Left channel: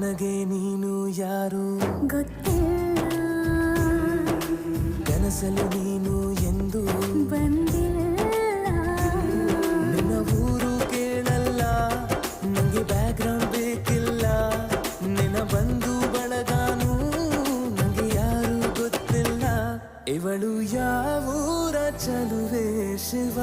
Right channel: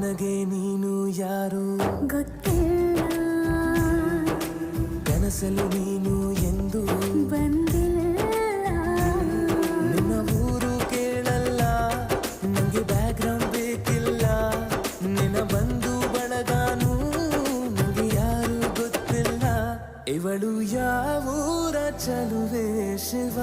ನನಗೆ ನೀನು ಯಾರು ಗೊತ್ತಿಲ್ಲ, ಕನಸಲು ನೀನು ಎಂದು ಬಂದಿಲ್ಲ. ನಿನ್ನ ಊರು ಕೇಳಲ್ಲ, ನಂಗೆ ಬ್ಯಾಕ್ಗ್ರೌಂಡ್ ಬೇಕಿಲ್ಲ. ನಿನ್ನ ಬಂಧು ಬಳಗಾನು ನಂಗೆ ಯಾರು ಗೊತ್ತಿಲ್ಲ. ಇವಳು ಯಾವೂರ ಚಲುವೆ ಶಿವ.